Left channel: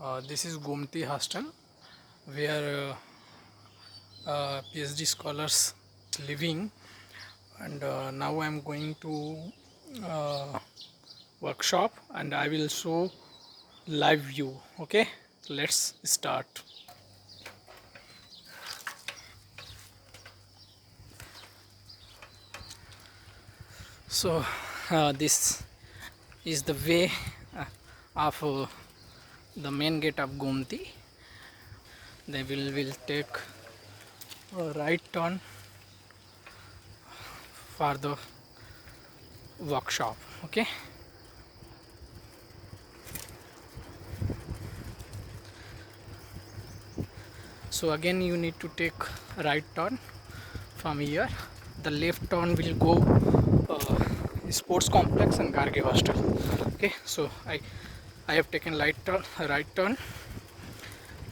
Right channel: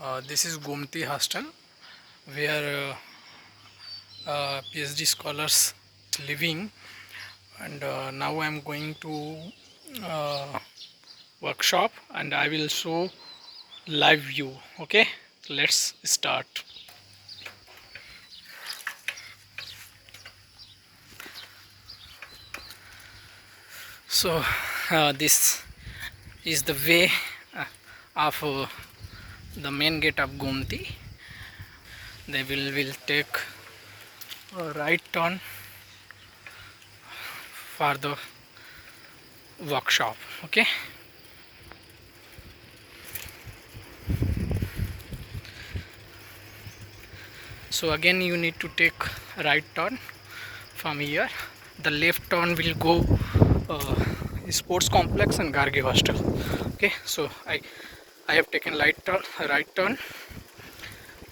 This is Gomati Hostel where PhD scholars living, and now I am going to uh, workshop and I will show live view. Okay, let's start. So this is the way of the main gate of Gomati. They will take a right turn for the workshop. Okay, so again you need to take right turn from here. The left turn will go sports complex and Garge Hostel. Okay, so I have taken right turn.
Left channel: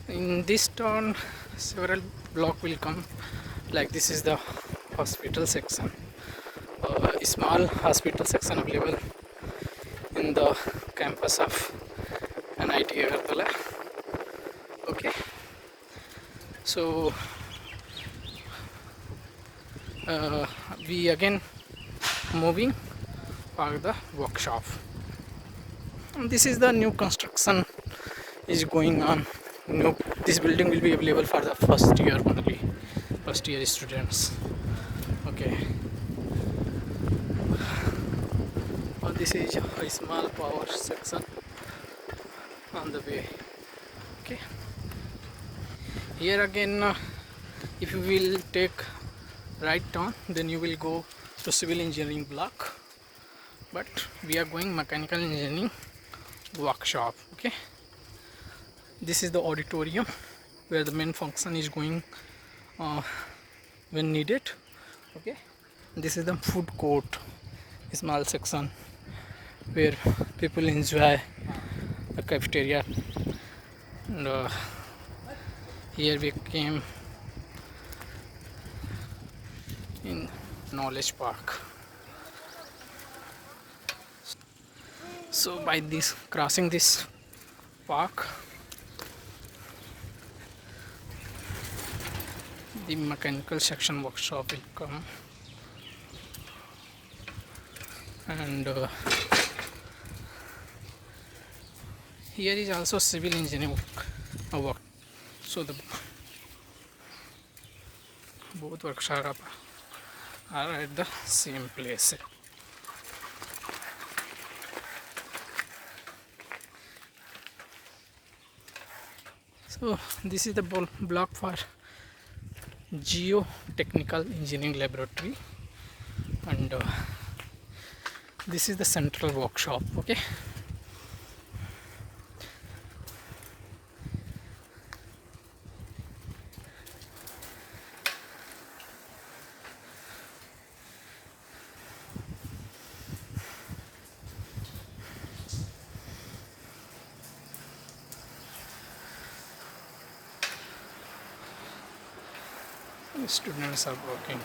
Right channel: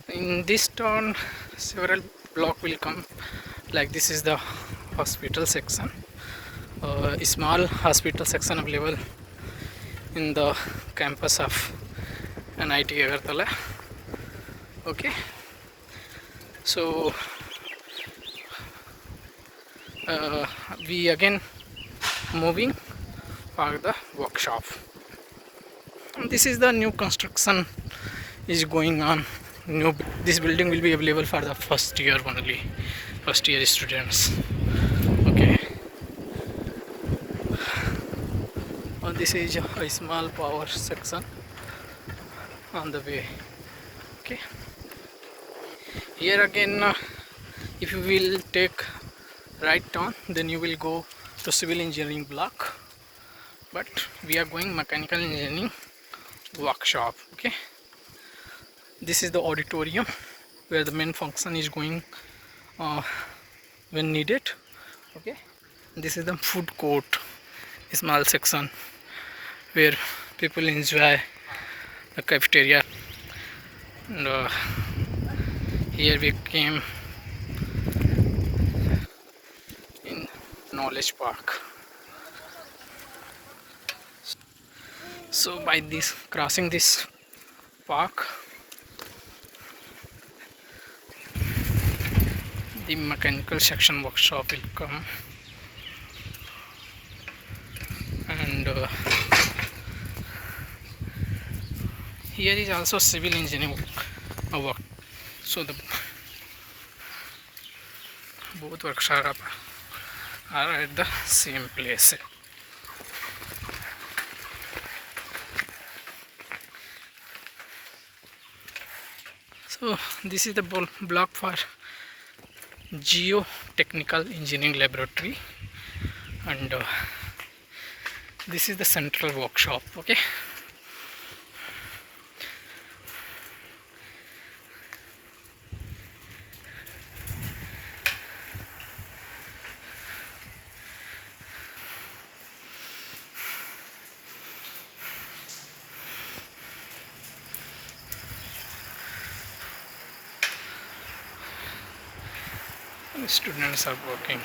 In this turn several block will come, like this is the hospital section, a small hospital section available in the campus of NIT Agartala. Okay, so we again moving for the workshop. And this is the new construction is going on. This building will be available for the first year only, first year students. Okay, this is a small power section on the way. Okay, here again if you will take right turn, then you will go to civil engineering block, but we are going mechanical engineering workshop. Okay, this is the auditorium where the main function is going when needed. Okay, this is the food court, a small section where people enjoy the cafeteria. And here we came in knowledge park. So by this crossing this park, the mechanical section workshop will come, and here is also civil engineering work. So the both workshop are at the same place. So this is the block for geotechnical engineering laboratory, and this is the central workshop. Okay, the students are working.